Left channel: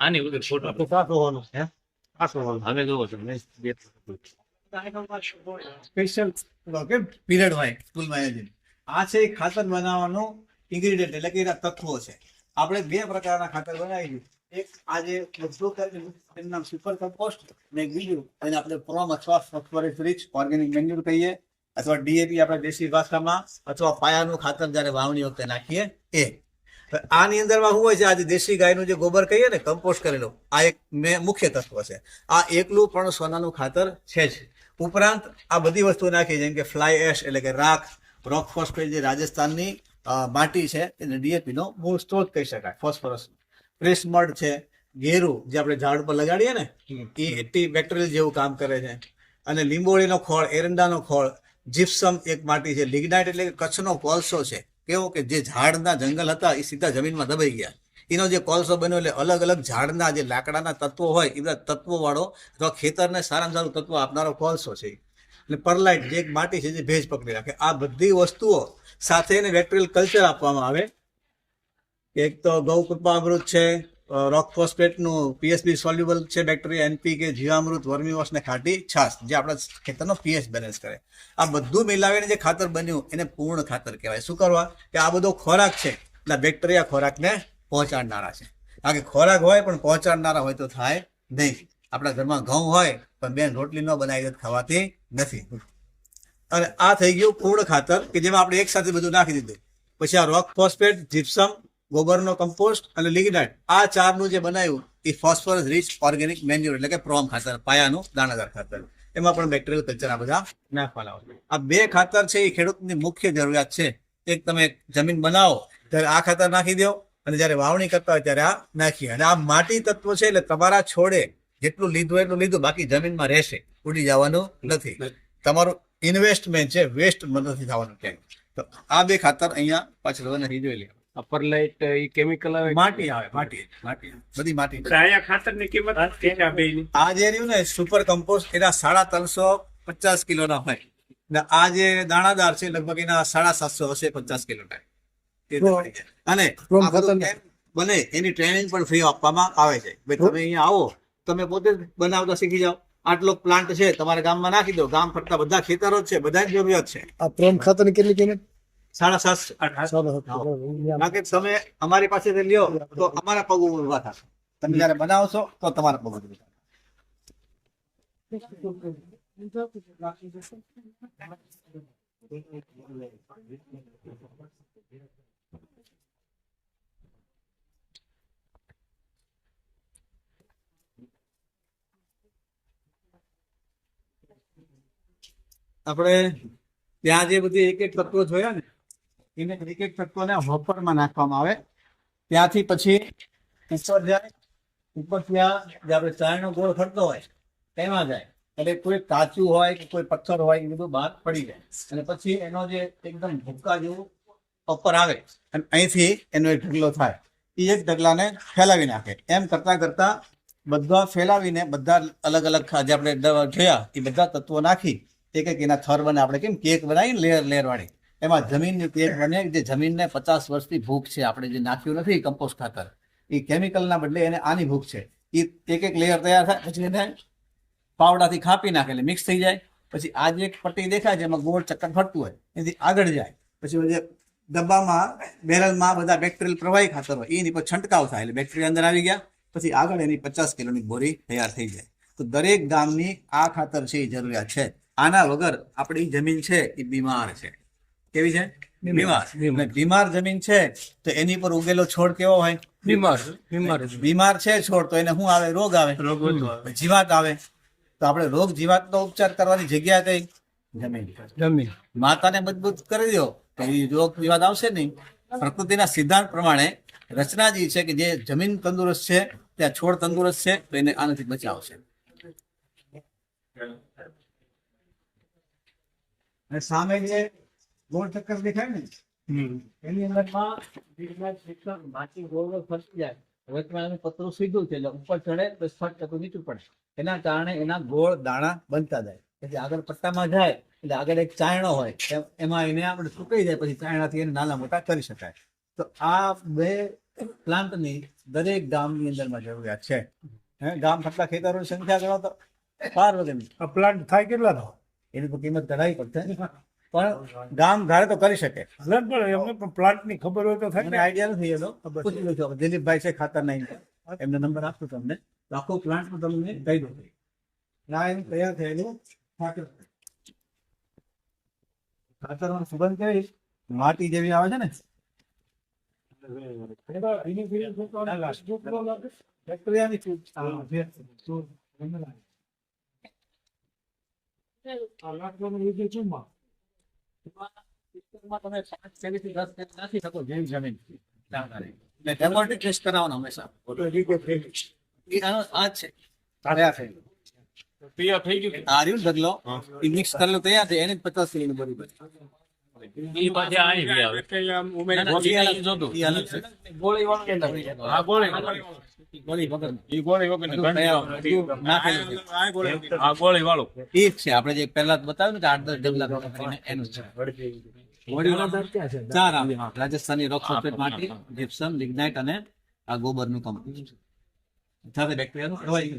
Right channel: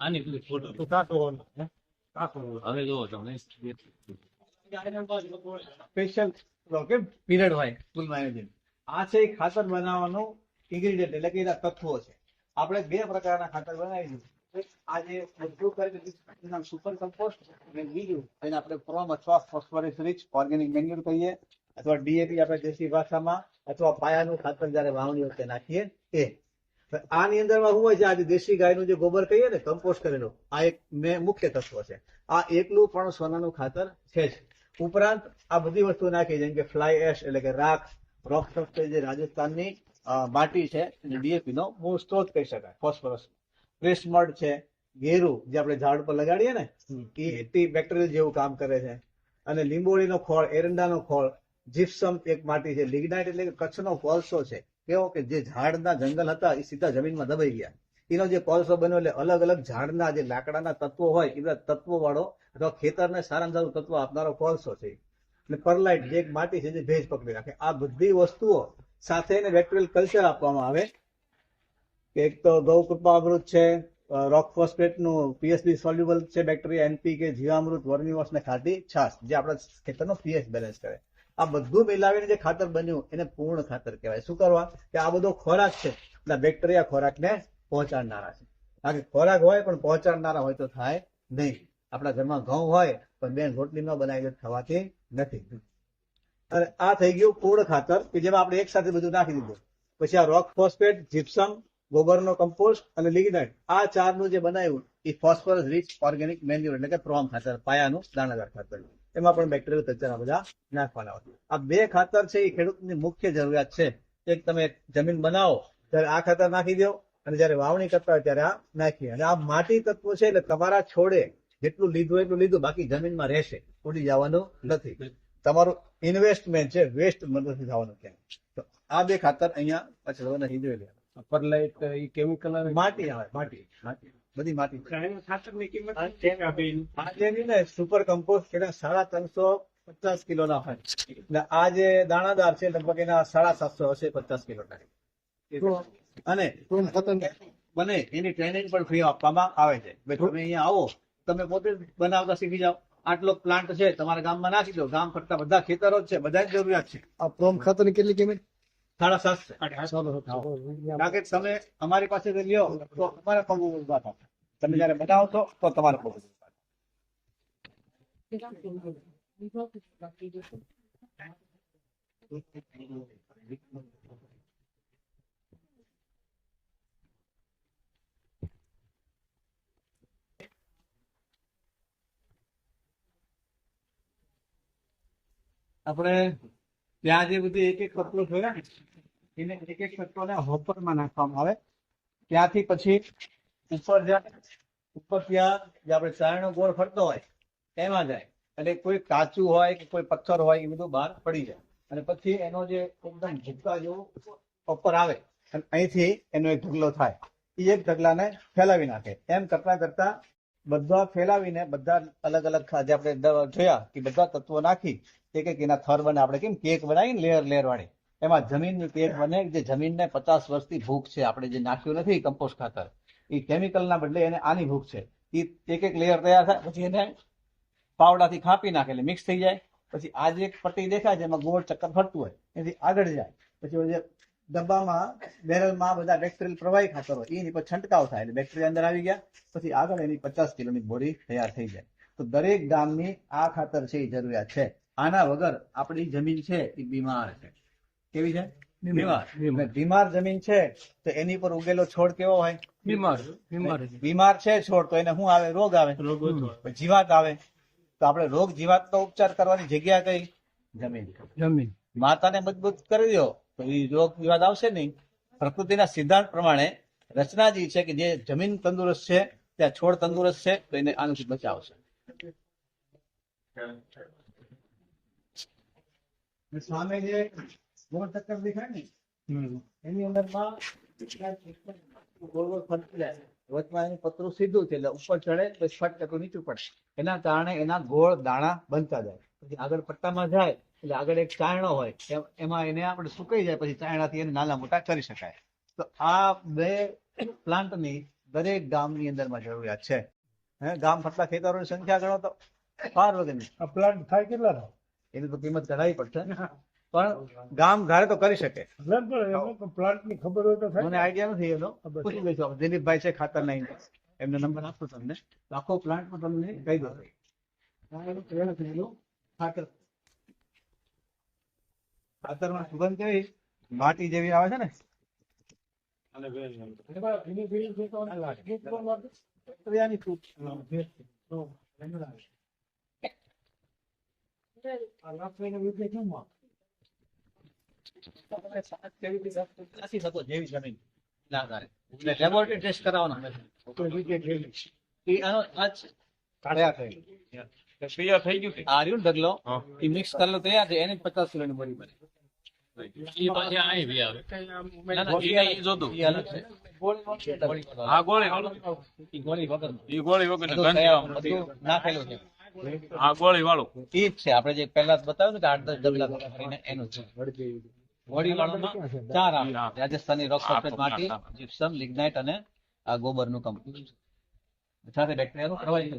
આની વગર ફોટો હવે જોવો તમે સ્પેશિયલ કે પીરિયડ હોય સ્કૂલમાં આયોજન. આ છે એક ખાતર બનાવવાનું ઇન્ગ્રીડિયન્ટ એટલે કે એના તત્વો છે. આપણે બે પ્રકારના ખાતર બનાવીએ એક આજે કરી સુપર કમ્પોસ્ટ અને બીજું, એને આપણે પ્રોમ અથવા ફોસ્ફરસ રિચ ઓર્ગેનિક મેન્યુર કહીએ, અથવા ડીએપી આપણે દેશી ભાષામાં, અથવા પાયાનું ખાતર જ્યારે વાવણી વખતે નાખીએ, એ. આની અંદરમાં શું હોય છે, આજે દેશી ગાયનું જે ગોબર કહીએ ને કમ્પોસ્ટ કરેલું આ એક મુખ્ય તત્વ છે. આ એકલું પણ સોનાનું ખાતર છે જ. ઉપરાંત આ બધી વસ્તુ નાખી, જેમ કે ફ્લાય એશ એટલે કે રાખ રોક ફોસ્ફેટ જે રાજસ્થાનની માટી છે, એને ડીએપીનો મૂળ સ્ત્રોત કહી શકાય ફોસ્ફરસ પ્રેસ મડ છે ગેરું જે આપણે ઝાડ પર લગાડીએ ને એ એન્ટી બેક્ટેરિયલ જેવું કામ કરે છે. અને લીંબોળીનો ખોળ એરંડાનો ખોળ જીપ્સમ એક માટી છે. લિગ્નાઇટ એટલે કે કચ્છનો કોલસો છે. કેવો કે જે ઝાડના જંગલ હતા એ સીધા જમીનમાં દબાઈ ગયા. એનો જે કોલસો બન્યો એટલે અલગ અલગ ઝાડના જે લાકડાના તત્વો હોય એ બધા તત્વો અથવા ખેતરને સારામાં સારું તત્વ આપનારો કોલસો છે. એટલે પરલાઇટ જે એક માટી છે જે ભેજ પકડી રાખે. આ બધી વસ્તુઓ સાથે એને બેક્ટેરિયલ કલ્ચર આપવામાં આવે. એક તો ગૌ કૃપામૃત છે. રોક ફોસ્ફેટનું પીએસબી સોલ્યુબલ છે બેક્ટેરિયા એનપીકે જીવામૃત વર્મીવોશ ને ખાટી છાસ જે આપણા ખેતરનો પીએચ બેલેન્સ કરે. આ બધું મિલાવીને જે ખાતર બન્યું, એને પૂર્ણ ખાતર કહેવાય. શું કરવા? કે આ બધો ખોરાક છે, એટલે બેક્ટેરિયા ખોરાકને પહોંચાડનારા છે. કારણ કે ખોરાક હોય પણ પહોંચાડનારા હોય તો થાય નહીં. આપણા ઘરમાં ઘઉં હોય, પણ બેન રોટલી ન બનાવી ખવાતી નથી. અને આ થઈ ગયું પૂર્ણ ખાતર, કે જેમાં આપણે એક સાથે બધું નાખી દીધું. પછી આ રોક ફોસ્ફેટ જીપ્સમ ગોબરનો કમ્પોસ્ટ અને લિગ્નાઇટ આ ચારનું જે બનાવ્યું, એ ફોસ્ફરસ રિચ ઓર્ગેનિક મેન્યુર એટલે કે પ્રોમ ખાતર, પાયાનું દાણાદાર ખાતર. એમાં પણ બેક્ટેરિયલ કલ્ચર આ બધા નાખવાના હોય. આ બે ખાતર છે, એ ખેડૂતની મુખ્ય જરૂરિયાત છે. એક તમે જમીન બનાવો, ત્યારે આ ખાતર નાખી દો, અને જ્યારે વાવણી કરતા હોય ત્યારે આ નાખી. અને આ માટી તત્વ છે, એટલે તમારા છોડે જેટલું લીધું એટલું લીધું, બાકી જમીનમાં રહેશે, ઉડી જવાનું નથી. તમારું ઇન્વેસ્ટમેન્ટ છે વેસ્ટ નથી થવાનું ક્યાંય. તો આ બે ખાતર અહીંયા પાછળ નથી જોઈ લે અપર લાઇટ એ કેમિકલ આવે માટી આવે માટી માટી બધી માટી અહીંયા ખાતરની કિંમત કેટલી આ જે રહ્યું ને સુપર કમ્પોસ્ટ એના સાડા ત્રણસો પચાસ કિલોના હોય. ને આ જે દાણાદાર છે લગભગ એના સાડા સાતસો હશે પચાસ કિલોના. અને બને એની ટ્રેનિંગ પણ ફ્રી આપવામાં આવે છે. ભાઈ તમે અહીંયા આવો તમે પોતે જ બનાવતા શીખી જાઓ. આટલો પ્લાન્ટ છે તમારા ગામમાં નાખી દો. ગામ ફરતા બધા ખેતરો જ છે બધા જરૂરિયાત છે. આ પ્રોમ ખાતરની કેટલી કિંમત? સાડા સાતસો ચાલો કારણ કે તમે અમારી પાસેથી લ્યો તો અમારા પગ ઊભા થશે. તમે જયારે બનાવશો તો તમારા પગ ઊભા આપણે ત્યાં જે બધી એક એક તત્વો જોયા ને એને એક એક તત્વોને હોપરમાં નાખવામાં આવે. ત્યાંથી પછી ઉપર જાય, ઉપર ત્યાં જે આપણે ચાયનો ગોળ ફરતો હોય, તેમાં જાય. એટલે કોઈ કાચું હોય કે કોઈ પથ્થર હોય, એ બધું બહાર પડી જાય. અને પછી એનો જે એકદમ ભૂક્કા જેવું ઉપર આવે, અને અહીંથી એનો એક ઢગલો થાય. એ એક ઢગલાને ફેલાવી નાખે. એમ કરતા કરતા બધા ફેલાવીને બધા અલગ અલગ જે આપણે જોયા, એ બધા તત્વો નાખી, એક એક એના થર બને. આપણે કેમ કેક બનાવીને લેયર લેયર વાળી. એમાં જમીનની પેટ બને જે જમીનને પચાસ વર્ષથી ભૂખ છે. આપણે જે નાખ્યું નથી કમ્પોસ્ટ ખાતર. એ કેમિકલના બદલે એને આની ભૂખ છે. એ એક એક લેયર તૈયાર થાય, પછી એને પાવડાથી ખાપી નાખે, એટલે મિક્સ થઈ જાય. પછી આ જે એક પટ્ટી દેખાય છે એમાં ગોળ ચક્કર ફરતું હોય. એથી આગળ જાય. પછી જે ડબ્બામાં, બેરલમાં બધા બેક્ટેરિયલ પ્રવાહી ખાતર હોય, એની પર છંટકાવ થાય, એટલે બેક્ટેરિયા અંદર આવી ગયા. પછી આગળ એની પચાસ કિલોની બોરી તૈયાર થઈ જાય. તો દરેક ગામની આ ખાતર છે, એ જરૂરિયાત છે. આના વગર આપણી જમીન છે, એ બીમાર છે. કેવી છે? બીમાર બીમાર. જમીન છે તો એની પર ઉગેલો છોડ કેવો હોય? બીમાર બીમાર બીમાર છે છોડ તો એને શું આવે? રોગ આવે. જીવાત આવે. તો આપણે રોગ જીવાતનો ઉપચાર કરવાની જગ્યા કઈ? જમીન. જમીન. માતાને મજબૂત કરી દો તો એ રોગ જીવાત આવશે નહીં. પ્રકૃતિના સિદ્ધાંત પ્રમાણે રચના જે છે કે જે જમીન તંદુરસ્ત છે ત્યાં છોડ તંદુરસ્ત છે તો એને આનાથી બચાવશે. અને સામે જે ગોળ ચક્કર દેખાય ને? એની અંદરમાં માટી ગોળ ગોળ ફરતી. જાય વર્તમાન પતરું સીધું છે એટલે ઉપર ચડે પછી ફટ ચક્કર નીચું પડે. એના કારણે એના ગોળ દાણા બનતા જાય. એટલે આગળ પટ્ટામાં જાય એટલે આગળ એક ચાયણો હોય. એમાં એને આપણે સુકાઈ જાય પછી ચાયણાથી એને નાના મોટા કરી શકાય. તો આ બે પ્લાન્ટની દરેક ગામની અંદરમાં જરૂરિયાત છે. હે ગામ ફટલા ખેતરોની સંખ્યા ગણો તો પાર વગરની. પ્લાન્ટ થાય કેટલા તો? એની તો કિંમત કઢાવી પડશે. પણ ગામ ધારે તો કરી શકે. પ્લાન્ટની પણ એમને પણ ખબર હોય તો થાય મને ને. આઈડિયા નથી એનો. પૂછી લઈશું દિલીપભાઈ છે ખાતા નહીં એમને નંબર આપું તમને. આખો પ્લાન્ટ તમને કહી દઉં. આ એનું તૈયાર થયેલું ખાતર. ખાતરમાં સુગંધ કેવી? માટી જેવી આવે છે ને. બેક્ટેરિયાની તૈયાર ને છે એને પચાસ કિલોની બોરી બની. એ પાછી હા ગોળી ગોળી ગોળી ગોળી વાળું. છે. આપણે જે પહેલા બતાવ્યું ને કે આઠ દસ કરીને એનું છે. ચાર આવે. રાજસ્થાની રોક સલ્ફેટ માટી જીપ્સમ લિગ્નાઇટ અને આ ગોબરનું કંપની સાથે બેક્ટેરિયાનું પ્રવાહી.